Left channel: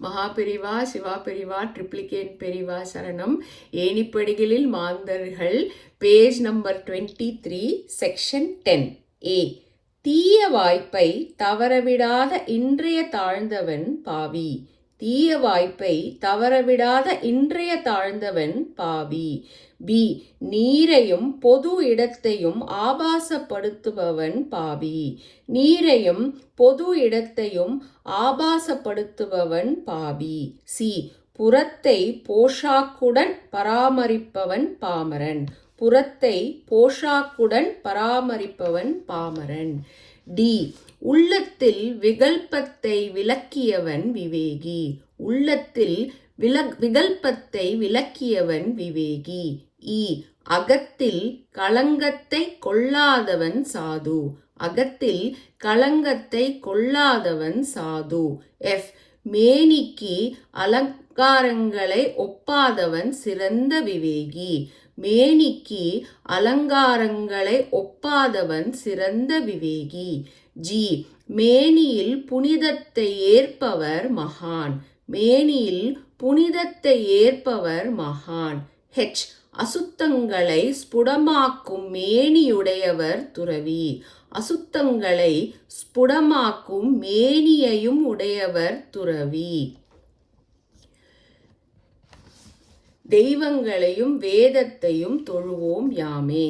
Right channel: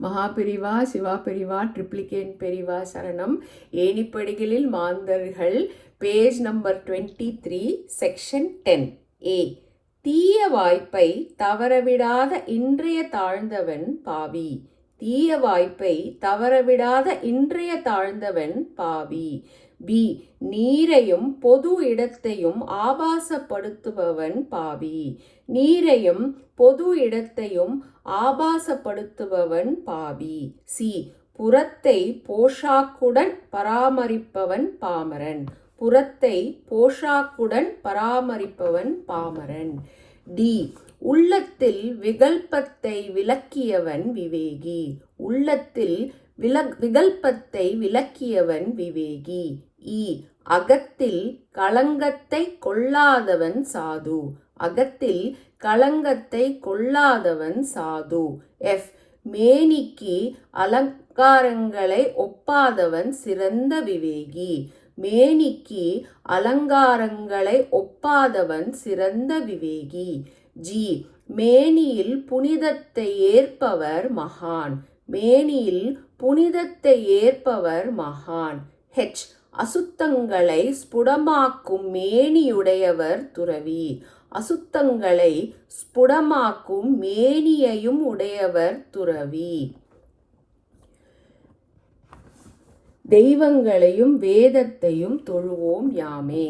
Maha Periyava Siva Periva triplicate Periva சரணம். ஏணிப்படிகளில் மாந்தர்கள், page number 23, section 10A. தீய வாய்ப்பை தவறவிடாத இன்றைய தாழ்ந்தவன் பாவி. தீய வாய்ப்பை தவறவிடாத இன்றைய தாழ்ந்தவன் பாவி. பி. நீரையும் பொது இடத்தையும் ஆபாசப்படுத்துபவன் பாவி. நீரையும் பொது இடத்தையும் ஆபாசப்படுத்துபவன் பாவி. சி. புறத்தை போஷாக்குடன் பராமரிப்பவன் பாமரன். புறத்தை போஷாக்குடன் பராமரிப்பவன் பாமரன். டி. உள்ளத்தில் விகல்பத்தை விலக்கியவன் விவேகி. உள்ளத்தில் விகல்பத்தை விலக்கியவன் விவேகி. இ. அகத்தில் களங்கத்தை கொள்ளாதவன் சாது. அகத்தில் களங்கத்தை கொள்ளாதவன் சாது. எஃப். மேனிக்கு அலங்காரங்களை ஒப்பாதவன் சிறந்த விவேகி. மேனிக்கு அலங்காரங்களை ஒப்பாதவன் சிறந்த விவேகி. ஜி. மேனியில் புனிதத்தை ஏற்பவர் மகான். மேனியில் புனிதத்தை ஏற்பவர் மகான். ஹெச். அசுத்தங்களை ஸ்புடமாக்கும் மேனியுடையவர் துறவி. அசுத்தங்களை ஸ்புடமாக்கும் மேனியையும் உடையவர் துறவி. தெய்வங்களையும் வேதத்தையும் தொழுவோம் யாமே.